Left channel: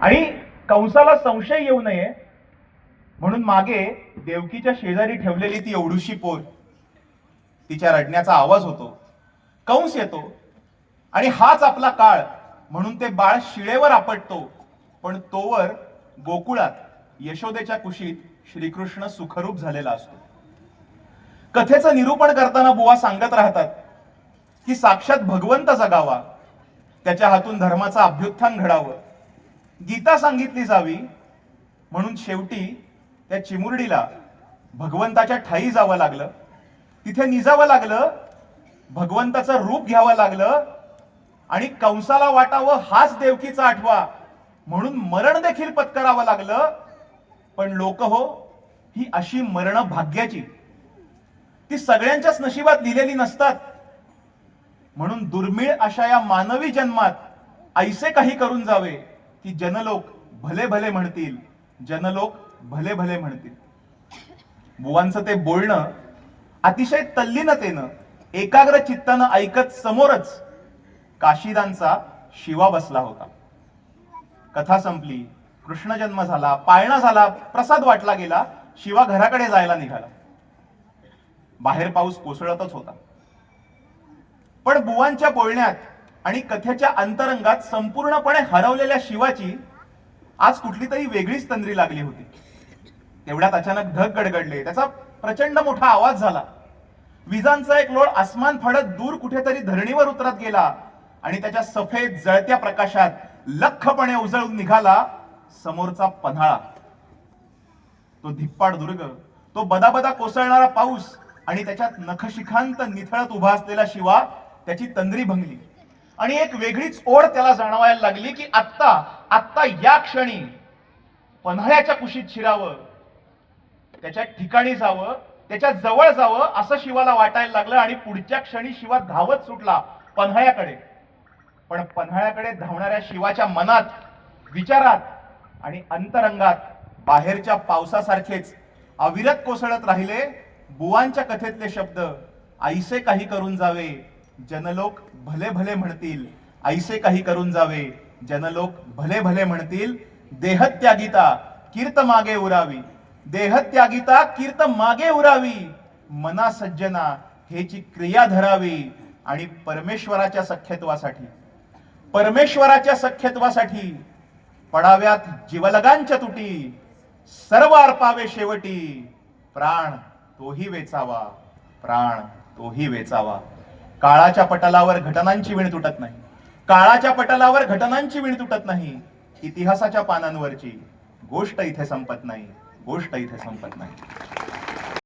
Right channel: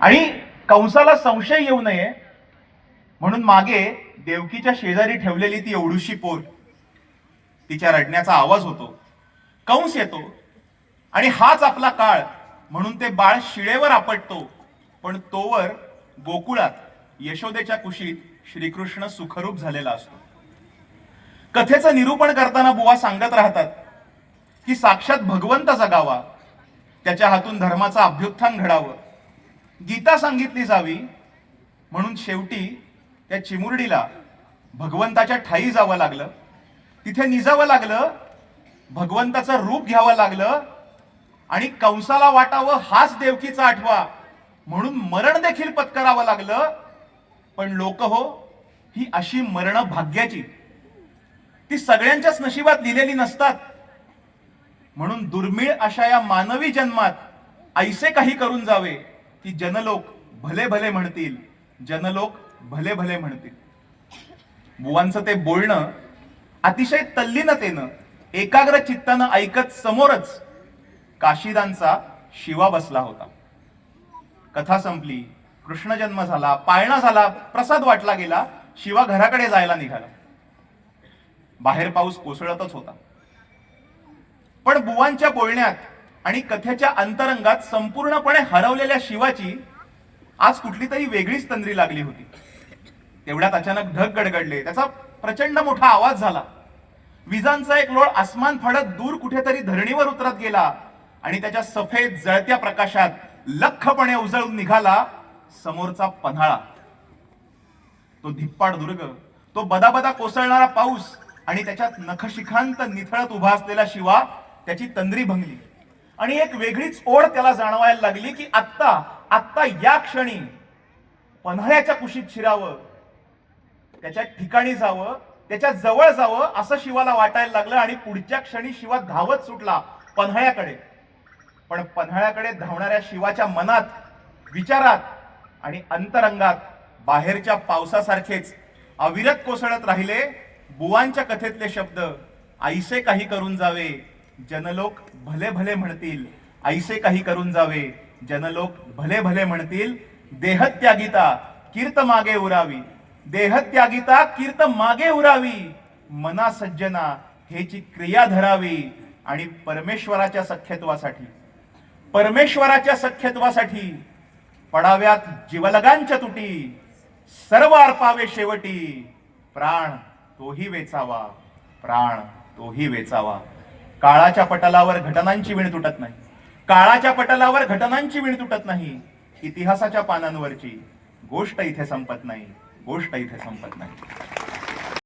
आणि कंसाला संशय येऊ नये म्हणून मागे देवकीच्या शेजारी ठेवलेली ती एवढूशी पोर, तिच्या रडण्याचा आवाज होतो. कंस येतो आणि हाच आपला काळ म्हणून ते बाळ शिळेवर आपटतो. पण तोवर गोकुळात यशोदेच्या कुशीत श्रीकृष्ण सुखरूप झालेला असतो. कथेचं निरूपण करताना बुवा सांगत राहतात की साक्षात भगवंत जगावा, त्याच्या हातून धर्माचा अभ्युत्थान घडावं, गीता सांगितली जावी, म्हणून शेवटी त्या चिमुरडीला भगवंताच्या ठाई जावं लागलं, तिथे निजावं लागलं, भगवंताचं रूप घ्यावं लागलं आणि कंसाला वाटावं हाच देवकीचा आठवा म्हणून मरण देखील पत्करावं लागलं. पण लोक हो, ही अशी मरण भाग्याची, ती सगळ्यांच्याच नशिबात लिहिलेली नसतात. म्हणून दुर्मिळ अशा या मानवी जन्मात ऐसे काही करून जावे की जनलोक भले भले म्हणतील, जनलोक भले भले म्हणतील. बुवांचं ते बोलणं अतिशय तल्लीनतेनं एकाग्र चित्तानं ऐकत समोरच काशीदांचा शिवा बसला होता. कथा संपली, कृष्ण जन्म झाला, पाळणा झाला, प्रसाद वाटला गेला, शिवा घराकडे जायला निघाला. बाहेर पाऊस कोसळतच होता. पण बुवांच्या बोलण्यात आणि कथेच्या अंतरंगात संपूर्णपणे हरवलेल्या शिवाची आज कुठली तरी वेगळीच तंद्री लागली होती. तेवढ्यात अचानक ढग गडगडले, त्याचा प्रचंड मोठा आवाज झाला. विजांचा एक लोळ आसमान फाडत दूर कुठेतरी धरणीवर उतरत गेला आणि त्याच्या सफेद जळत्या प्रकाशात लख्खपणे उजळून निघाला समोरचा पन्हाळा. तो धिप्पाड दुर्ग, तो बदाबदा कोसळणारा पाऊस आणि त्याच्यात नखशिखांत निथळत उभा असलेला शिवा त्याची तंद्री भंगली आणि एक वेगळीच ओढ त्याला जाणवायला लागली की आत्ता या क्षणी पन्हाळ्याच्या कुशीत शिरावं, त्याच्या ठिकाणी जावं, त्याच्या जवळ जावं असं शिवाला वाटायला लागलं. आणि पुढच्या क्षणी शिवा धावत सुटला पन्हाळ्याकडे. पण पन्हाळ्याकडे धावणाऱ्या शिवाच्या मनात, विचारात आणि अंतरंगात बाहेरच्या पावसासारखेच अविरत कोसळत राहिले बुवांच्या कथेतले शब्द, ऐसे काही करून जावे जनलोक भले भले म्हणतील, ऐसे काही करून जावे जनलोक भले भले म्हणतील. देहत्यागिता कीर्त मागे उरावी, देहत्यागिता कीर्त मागे उरावी, मना सज्जना हेची क्रिया धरावी. आणि परमेश्वराच्या सख्यत्वासाठी पडाव्यात जीवलगांच्या तुटी, सर्व अर्पावे शेवटी, प्राण तोही वेचावा, प्राण तोही वेचावा. काळाच्या पटलावर घटनांची विण तुटत नाही, काळाच्या पटलावर घटनांची विण तुटत नाही. इतिहासाच्या पानांवरची गोष्ट इथे संपत नाही, गोष्ट इथे संपत नाही.